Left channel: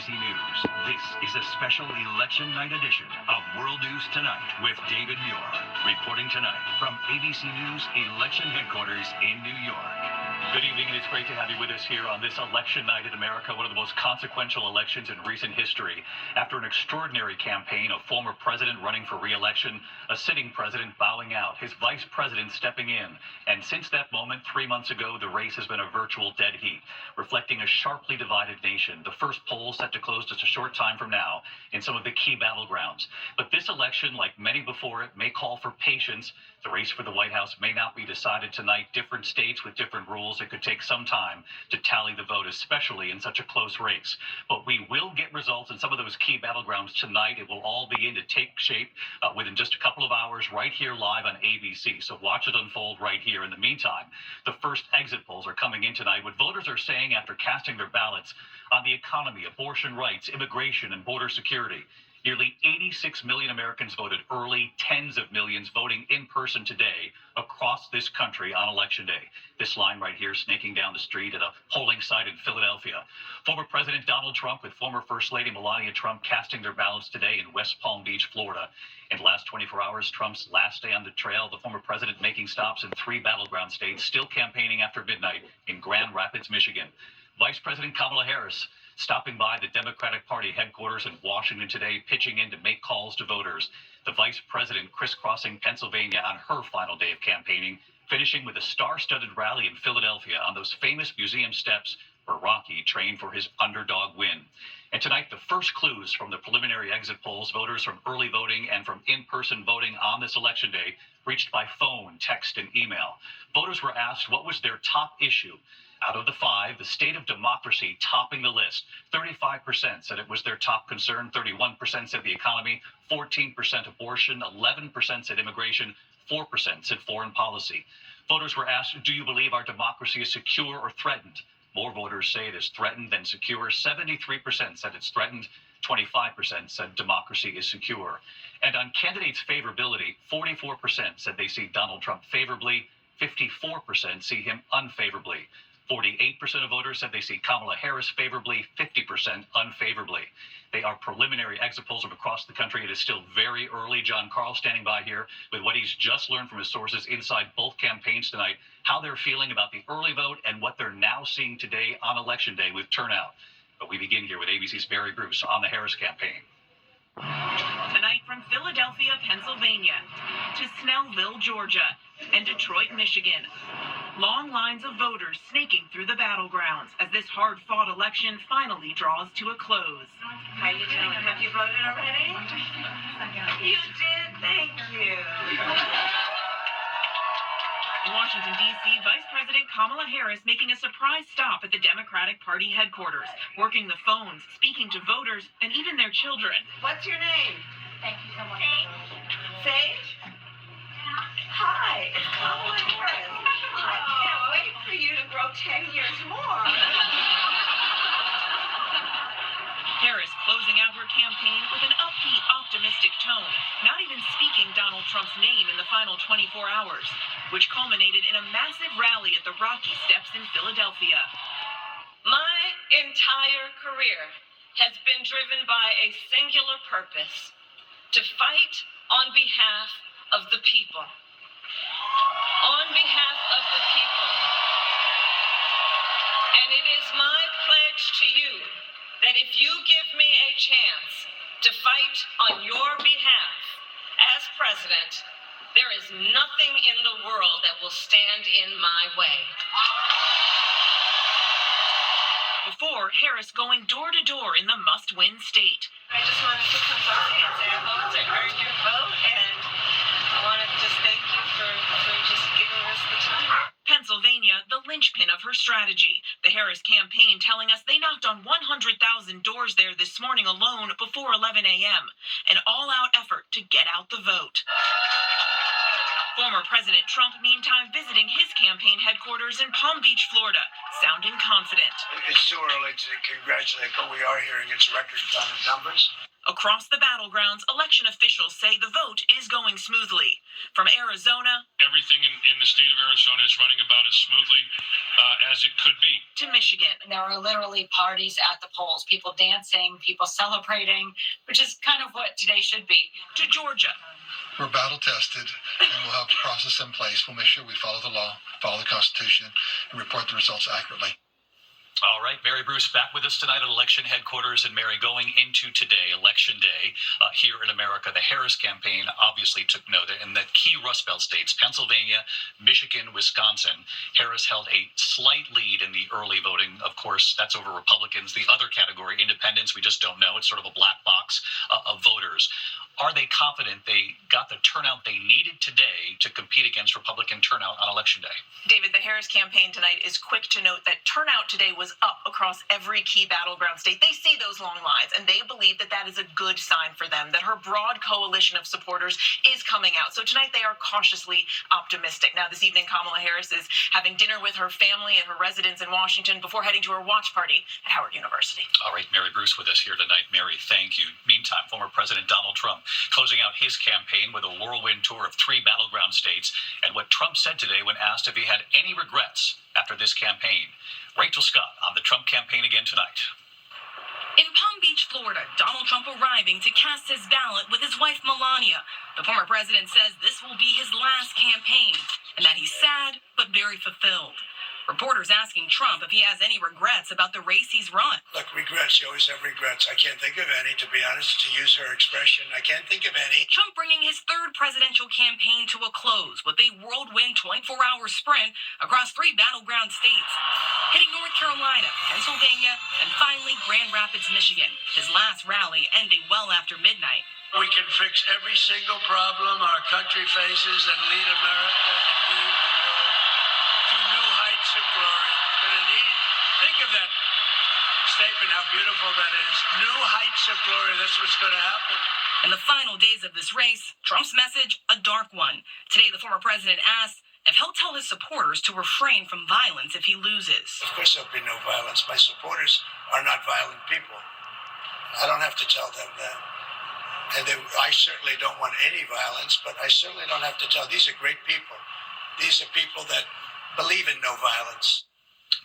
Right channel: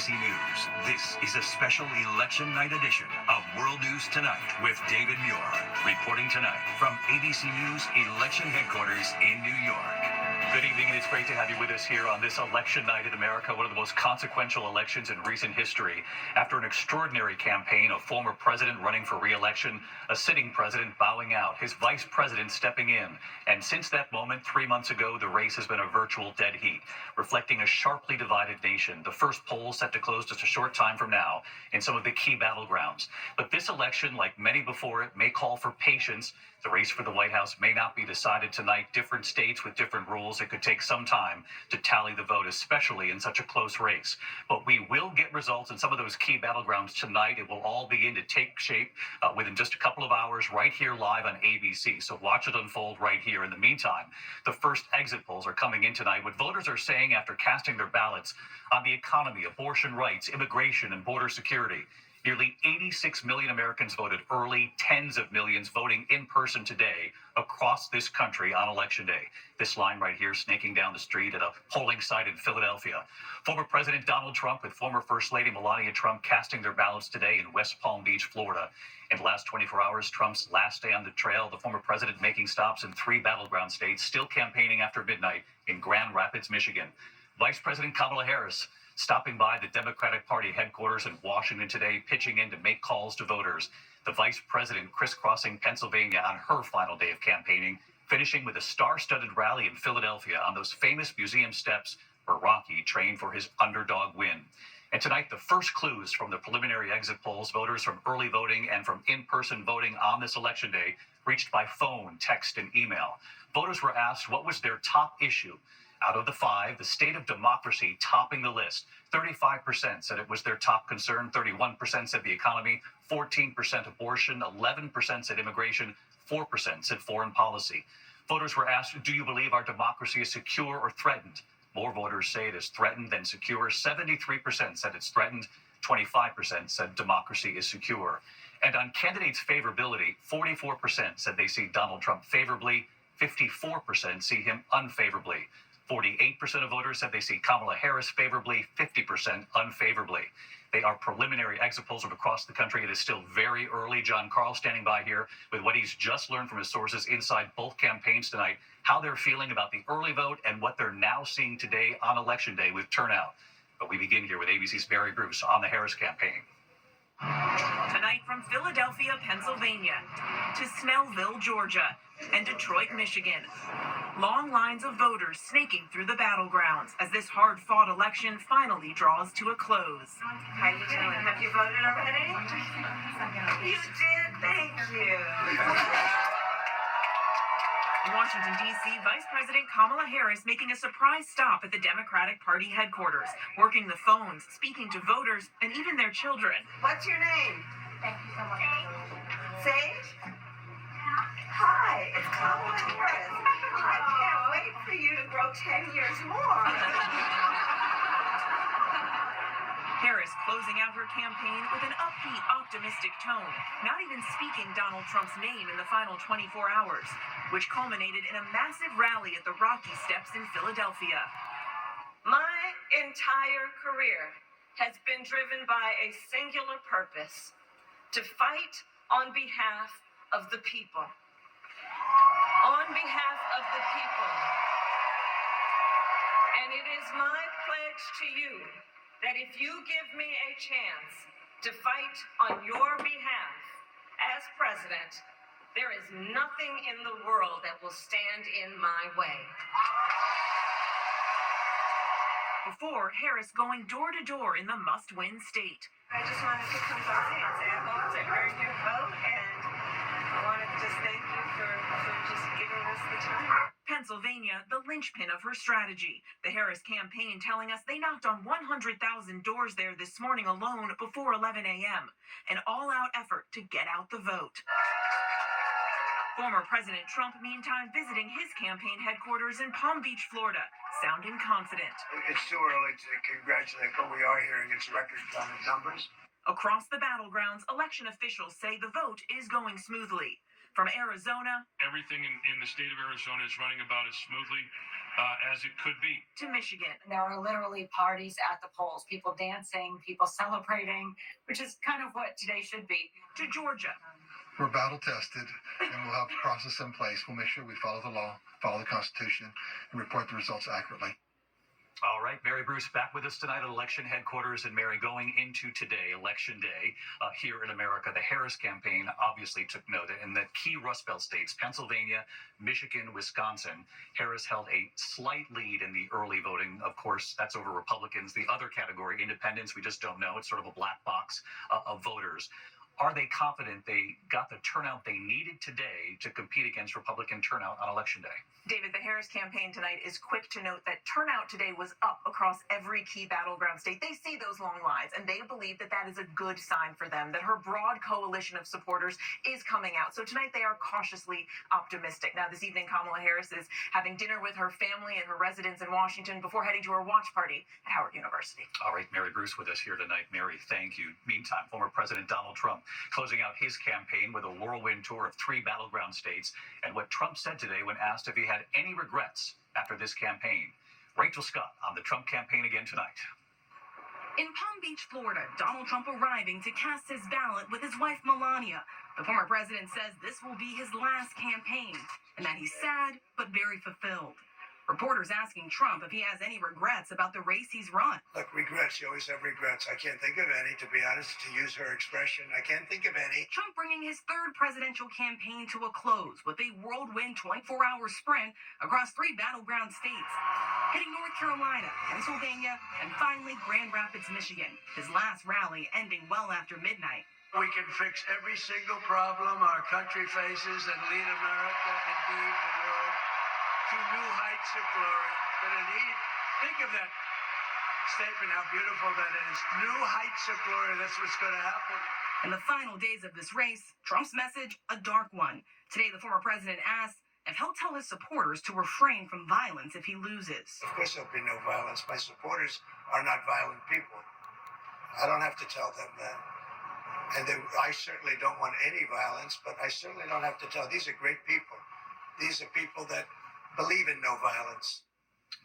ABC News. This is a special election night edition of World News Tonight with David Muir. Reporting tonight from ABC News Election Headquarters in New York. Good evening, and it's great to have you with us here on this election night in America, one of the most consequential elections in recent history. After an extraordinary campaign, a former president running for re-election, a sitting president bowing out, his vice president stepping in. And since that moment, 3 months ago, the race has been a virtual dead heat, reflecting a sharply divided nation. The first poll set to close just a short time from now in some of the key battlegrounds. But this election, like many before it, may call for patience. The race for the White House may not be decided tonight. Different states with different rules. It could take some time to tally the vote, especially in such a close race. But we will get results in some of those key battlegrounds tonight. It will all begin to take shape within just a couple of hours right here live on ABC. So watch it unfold right here. In the meantime, the first exit polls are coming in tonight. What voters are saying after casting their ballots on the economy, abortion rights, immigration, and border security. Nearly 86 million Americans voted early, tens of millions voting in person today across this country on Election Day. This line right here snaking down the street at a polling site in Philadelphia. Former President Donald Trump with former First Lady Melania Trump casting their ballots today in West Palm Beach, Florida. In the last 24 hours, Trump's last day on the trail, the former president making stops in 3 battleground states, still campaigning after midnight in Grand Rapids, Michigan. Vice President Kamala Harris stopping by the Democratic Party headquarters in Washington today, pitching in to make calls to voters. The vice president crisscrossing Pennsylvania on her final day of campaigning, finishing with a star-studded rally in Philadelphia on those famous museum steps where Rocky trained for his underdog win. And tonight, the first clues from the preliminary exit polls, voters from early voting and from in-person voting on this election day, reached by phone, text, and email. Voters were asked what was their top issue. Out of the 5, the state of democracy topping the list. 35% said it was their top concern. 31% said the economy. 14% abortion. 11% said immigration. 4% said foreign policy. Voters were asked, do you believe our democracy is secure or threatened? More voters say it is threatened than secure. 73% said it's threatened. 25% said democracy is secure. And on candidates' favorability, 44% said they see Donald Trump favorably. 54% see him unfavorably. 48% of voters said they see Kamala Harris favorably, 50% unfavorably. They are preliminary exit polls from across the country. It is still very early. John Karl standing by here with what he's just learned from his sources inside both campaigns tonight, how they're feeling about the early vote and what they're now seeing today on Election Day with turnout. But we begin here with ABC's Barry Bruce on the Harris campaign. Tonight from Philadelphia, Pennsylvania, to Snellville, Georgia, and Detroit, Michigan. Long lines of voters snaking through the battlegrounds as this hard-fought election finally draws to a close. How you doing? Have you voted already? You did, thank you. In Washington, D.C., Vice President Kamala Harris making a surprise stop at the Democratic Party headquarters, working the phones, speaking to voters, and even their children. What's your name? Thank you so much. Sage? Hi, it's Kamala Harris. I can't wait for you to grow 10 years more. Harris closing out her campaign with an upbeat, optimistic tone, not even speaking Donald Trump's name in the final 24 hours, which culminated in a massive rally at the Rocky Steps in Philadelphia. My entire career has been driven by a singular purpose: to fight on behalf of the people. On behalf of the people. And it is my pledge to you that if you give me a chance to fight on your behalf as president, there is nothing in the world that will stand in my way. Before, Harris going door to door in the must-win state. I just wanted to come by and say I hope to earn your vote, and I want to just thank you for just giving us the time. Pennsylvania, the linchpin of her strategy. The Harris campaign telling us they knocked on 100,000 doors there this morning alone before 11 a.m. An all-out effort to get out the vote. Former President Trump, meantime, visiting his campaign headquarters in Palm Beach, Florida, sounding confident. It's too early to congratulate, but we are hearing it's record numbers. Across the battlegrounds, election officials say the vote is going smoothly. From Arizona, everything in the state of Arizona is running about as smoothly as it could be. To Michigan, there are literally parties at the polls, people dancing, people celebrating, which is kind of what today should be. To Georgia. We're battle tested, and we'll have a process in place. We'll make sure we follow the law, follow the Constitution, and report the results accurately. All right, Mary Bruce back with us tonight at election headquarters. And Mary, going into today, Election Day, here in America, the Harris campaign obviously took note. In the key Rust Belt states, Pennsylvania, Michigan, Wisconsin, Harris held a slight lead in the early voting. Of course, that's over Republicans. The other category, independents, we just don't know. It's sort of a black box of voters. Are they confident they got the turnout they needed today to compete against Republican turnout on Election Day? David, the Harris campaign tonight is quick to note that turnout today was up across every key battleground state. They see those long lines, and they believe that that is a good sign for them, that her broad coalition of supporters is coming out. So tonight they are cautiously optimistic. Now, this evening, Kamala Harris is having dinner with her family at her residence in Washington before heading to her watch party at Howard University. All right, Mary Bruce with us here tonight. Mary, thank you. Meantime, former President Donald Trump closing out his campaign with a whirlwind tour of 3 battleground states, and what Trump said today when asked if he had any regrets after this campaign. Rachel Scott on the Trump campaign again tonight. In Palm Beach, Florida, Donald Trump arriving to cast his ballot with his wife, Melania. The former president says this will be his last campaign and that he's sad but very fulfilled. Reporters asking Trump if he has any regrets about the race he's run. Look, regrets. You always have regrets. I can't think of any, to be honest, to use her expression. I can't think of any. Trump bringing his 3rd presidential campaign to a close with a whirlwind 24-hour sprint across 3 battleground states, hitting North Carolina, Pennsylvania, and finally Grand Rapids, Michigan. His last rally ending well after midnight. We can fix every single problem our country faces and lead America, indeed the world, to new heights of glory. Think of that statement, how beautiful that is. New heights of glory, that's what's going to happen. In the final days of this race, Trump's message, a dark one. Today, the former president asked if he'll tell his supporters to refrain from violence if he loses. Of course there'll be no violence. My supporters are not violent people. I don't have to tell them that. And I certainly don't want any violence, but I certainly don't have to tell. These are great people. These are people that believe in no violence.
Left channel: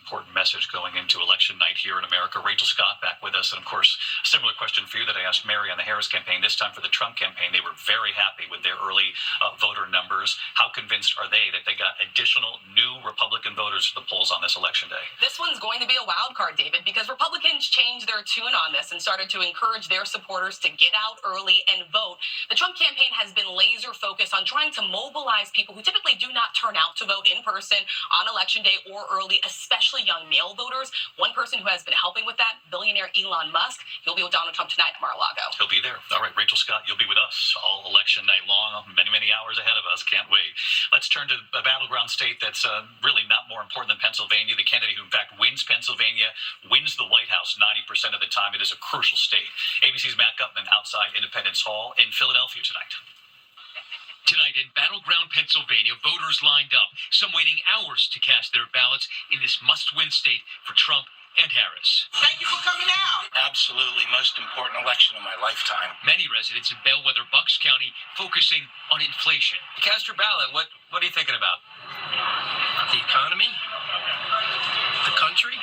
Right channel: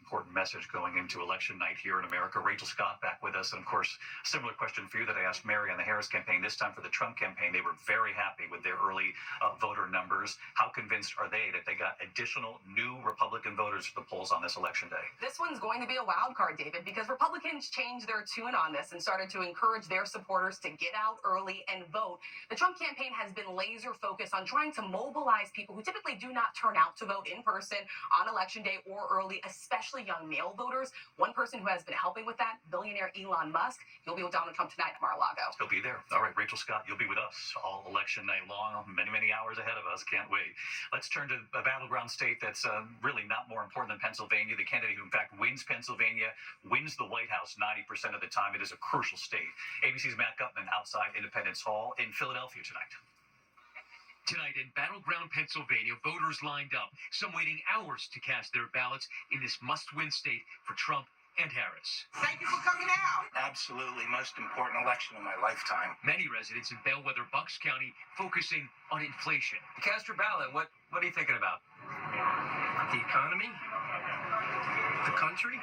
Important message going into election night here in America. Rachel Scott back with us. And of course, similar question for you that I asked Mary on the Harris campaign. This time for the Trump campaign, they were very happy with their early voter numbers. How convinced are they that they got additional new Republican voters to the polls on this election day? This one's going to be a wild card, David, because Republicans changed their tune on this and started to encourage their supporters to get out early and vote. The Trump campaign has been laser focused on trying to mobilize people who typically do not turn out to vote in person on election day or early, especially young male voters. One person who has been helping with that, billionaire Elon Musk, he'll be with Donald Trump tonight at Mar-a-Lago. He'll be there. All right, Rachel Scott, you'll be with us all election night long, many, many hours ahead of us. Can't wait. Let's turn to a battleground state that's really not more important than Pennsylvania. The candidate who, in fact, wins Pennsylvania, wins the White House 90% of the time. It is a crucial state. ABC's Matt Gutman outside Independence Hall in Philadelphia tonight. Tonight in battleground Pennsylvania, voters lined up, some waiting hours to cast their ballots in this must-win state for Trump and Harris. Thank you for coming out. Absolutely most important election of my lifetime. Many residents in Bellwether, Bucks County, focusing on inflation. You cast your ballot. What are you thinking about? The economy? The country?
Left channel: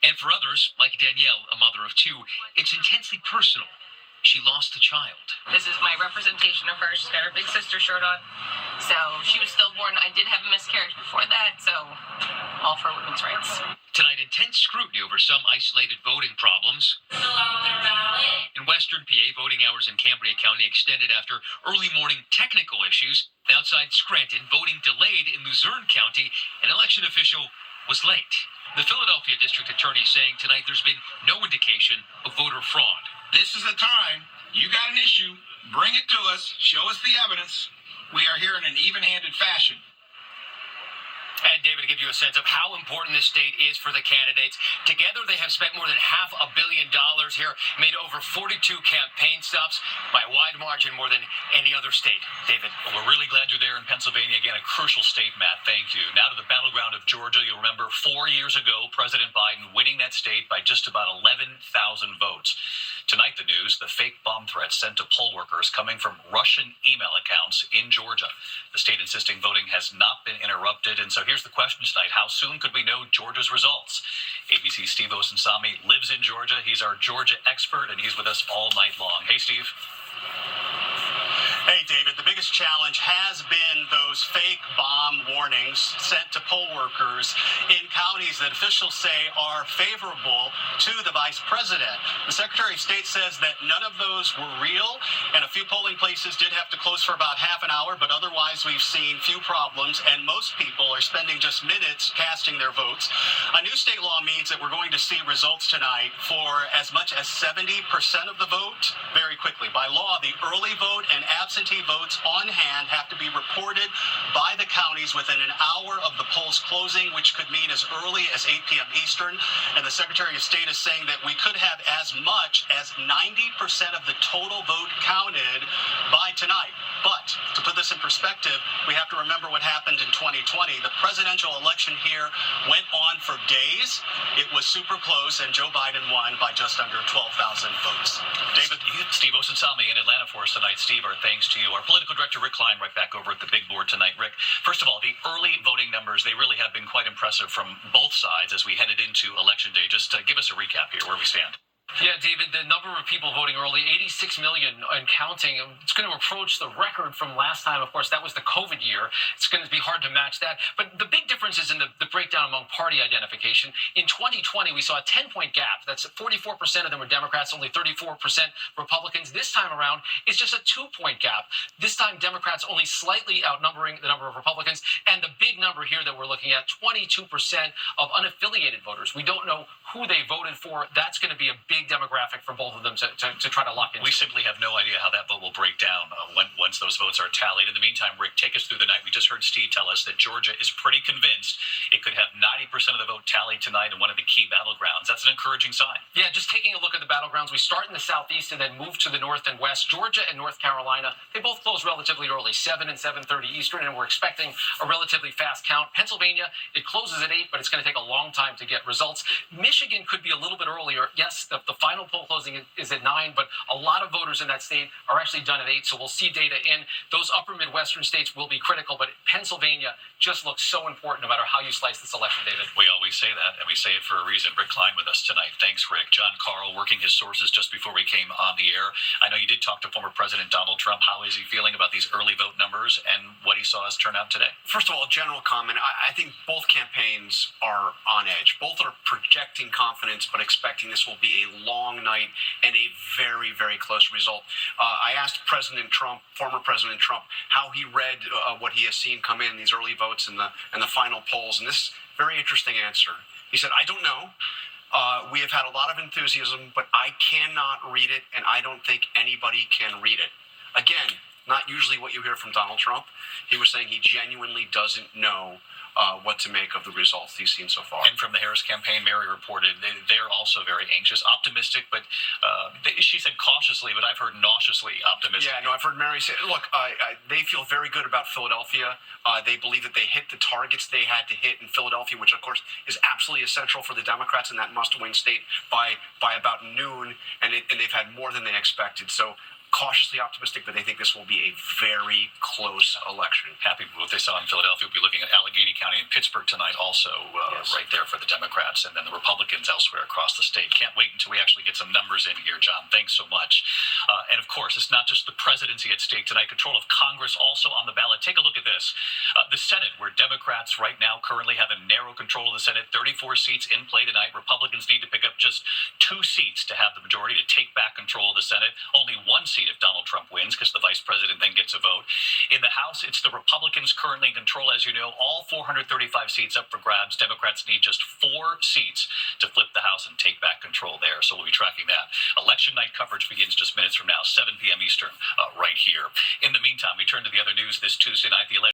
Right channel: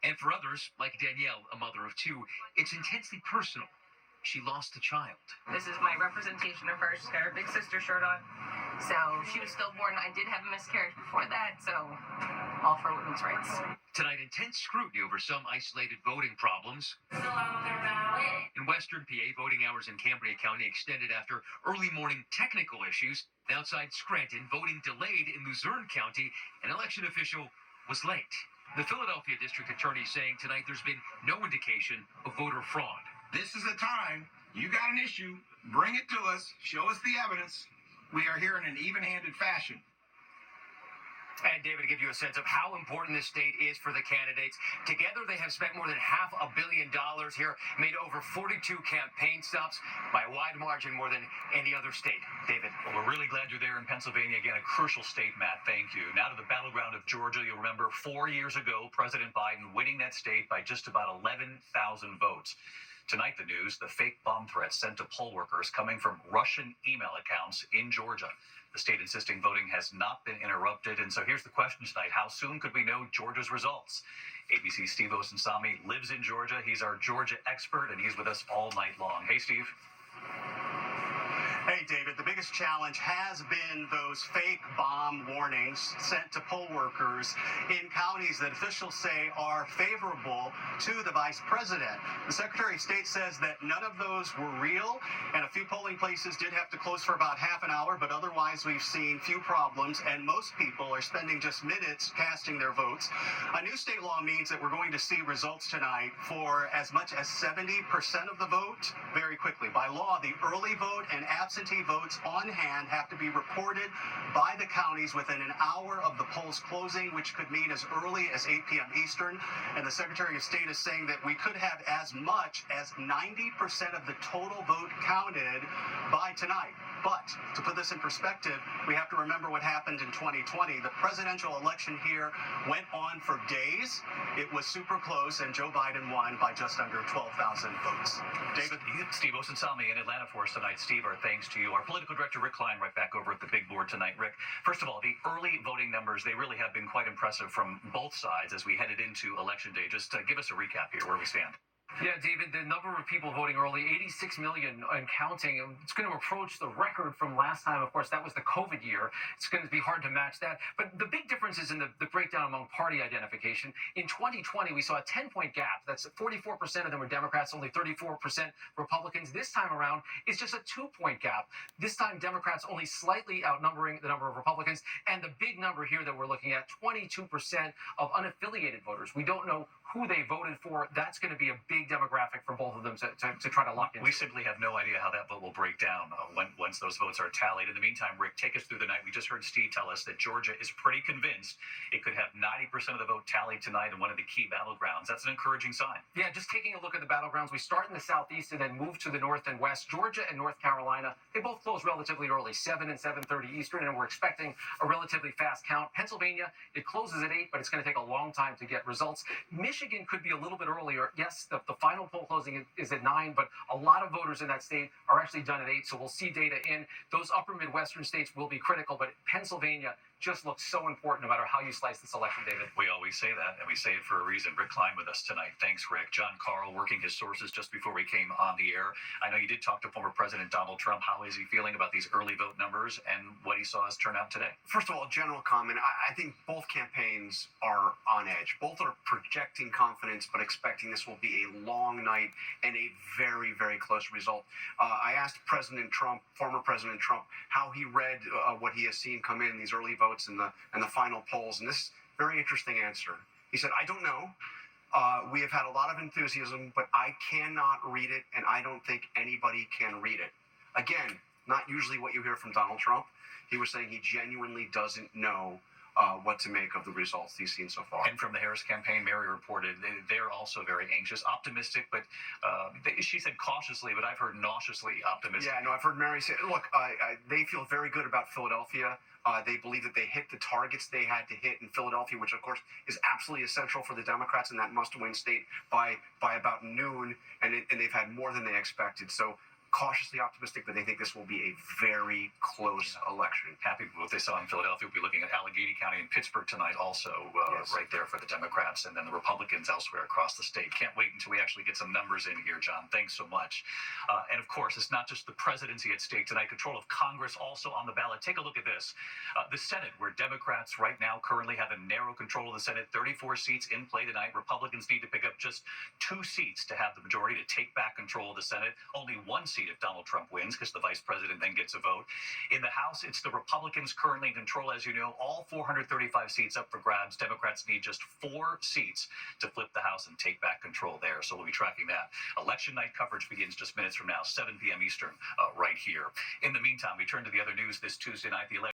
And for others, like Danielle, a mother of 2, it's intensely personal. She lost a child. This is my representation of her. She's got her big sister shirt on. So she was stillborn. I did have a miscarriage before that, so all for women's rights. Tonight, intense scrutiny over some isolated voting problems. In Western PA, voting hours in Cambria County extended after early morning technical issues. Outside Scranton, voting delayed in Luzerne County. An election official was late. The Philadelphia district attorney saying tonight there's been no indication of voter fraud. This is the time. You got an issue, bring it to us, show us the evidence. We are here in an even-handed fashion. And David, to give you a sense of how important this state is for the candidates, together they have spent more than $500 million here, made over 42 campaign stops, by a wide margin more than any other state. David. Well, we're really glad you're there in Pennsylvania. Again, a crucial state, Matt. Thank you. Now to the battleground of Georgia. You'll remember 4 years ago, President Biden winning that state by just about 11,000 votes. Tonight, the news, the fake bomb threats sent to poll workers coming from Russian email accounts in Georgia. The state insisting voting has not been interrupted. And so here's the question tonight. How soon could we know Georgia's results? ABC's Steve Osunsami lives in Georgia. He's our Georgia expert, and he's with us all night long. Hey, Steve. Hey, David, the biggest challenge has been those fake bomb warnings sent to poll workers in counties that officials say are favorable to the vice president. The Secretary of State says that none of those were real, and a few polling places did have to close for about half an hour, but otherwise we've seen few problems, and most people are spending just minutes casting their votes. A new state law means that we're going to see results tonight for as much as 70% of the vote very quickly. By law, the early vote and absentee votes on hand have to be reported by the counties within an hour of the polls closing, which could mean as early as 8 p.m. Eastern. And the Secretary of State is saying that we could have as much as 90% of the total vote counted by tonight. But to put this in perspective, we have to remember what happened in 2020. The presidential election here went on for days. It was super close, and Joe Biden won by just under 12,000 votes. David? Steve Osunsami in Atlanta for us tonight. Steve, our thanks to you. Our political director, Rick Klein, right back over at the big board tonight. Rick, first of all, the early voting numbers, they really have been quite impressive from both sides as we headed into Election Day. Just give us a recap here, where we stand. Yeah, David, the number of people voting early, 86 million and counting. It's going to approach the record from last time. Of course, that was the COVID year. It's going to be hard to match that. But the big difference is in the breakdown among party identification. In 2020, we saw a 10-point gap. That's 44% of them were Democrats, only 34% Republicans. This time around, it's just a 2-point gap. This time, Democrats only slightly outnumbering the number of Republicans. And the big number here that we're looking at, 22% of unaffiliated voters. We don't know who they voted for. That's going to be a big demographic for both of them to try to lock in. We simply have no idea how that vote will break down once those votes are tallied. In the meantime, Rick, take us through the night. We just heard Steve tell us that Georgia is pretty convinced it could have 90% of the vote tallied tonight in one of the key battlegrounds. That's an encouraging sign. Yeah, just taking a look at the battlegrounds, we start in the southeast and then move to the north and west. Georgia and North Carolina, they both close relatively early, 7 and 7:30 Eastern, and we're expecting a relatively fast count. Pennsylvania, it closes at 8, but it's going to take a long time to get results. Michigan could be a little bit earlier. Yes, the final poll closing is at 9, but a lot of voters in that state are actually done at 8, so we'll see data in. Those upper Midwestern states will be critical, but Pennsylvania just looks so important no matter how you slice this election, David. We always say that, and we say it for a reason. Rick Klein with us tonight. Thanks, Rick. John Carl working his sources just before we came on the air. I know you did talk to former President Donald Trump. How is he feeling about these early vote numbers and what he saw us turn out today? First of all, a general comment. I think both campaigns are on edge. Both are projecting confidence, but expecting this will be a long night and a very, very close result. I asked President Trump, former President Trump, how he read what he has seen come in these early votes and the final polls, and this very interesting answer. He said, "I don't know. We have had a lot of enthusiasm, but I cannot read it, and I don't think anybody can read it." Again, not usually what you hear from Donald Trump. He was saying he genuinely doesn't know what to make of the results he's seen so far. And from the Harris campaign, Mary reported they're also very anxious, optimistic, but she said cautiously, but I've heard nauseously optimistic. Yeah, no, I've heard Mary say, look, they feel very good about Philadelphia. They believe that they hit the targets they had to hit in Philadelphia, which, of course, is absolutely essential for the Democrats in that must-win state by about noon, and they've had more than they expected. So cautiously optimistic, but they think this will be a very close election. Happy with what they saw in Philadelphia. We'll be looking at Allegheny County and Pittsburgh tonight also, yes, right there for the Democrats, and then the Republicans elsewhere across the state. Can't wait until we actually get some numbers in here, John. Thanks so much. And of course, it's not just the presidency at stake tonight. Control of Congress also on the ballot. Take a look at this. The Senate, where Democrats right now currently have a narrow control of the Senate, 34 seats in play tonight. Republicans need to pick up just 2 seats to have the majority to take back control of the Senate. Only 1 seat if Donald Trump wins, because the vice president then gets a vote. In the House, it's the Republicans currently in control, as you know. All 435 seats up for grabs. Democrats need just 4 seats to flip the House and take back control there. So we'll be tracking that. Election night coverage begins just minutes from now, 7 p.m. Eastern, right here. In the meantime, we turn to the other news this Tuesday night. The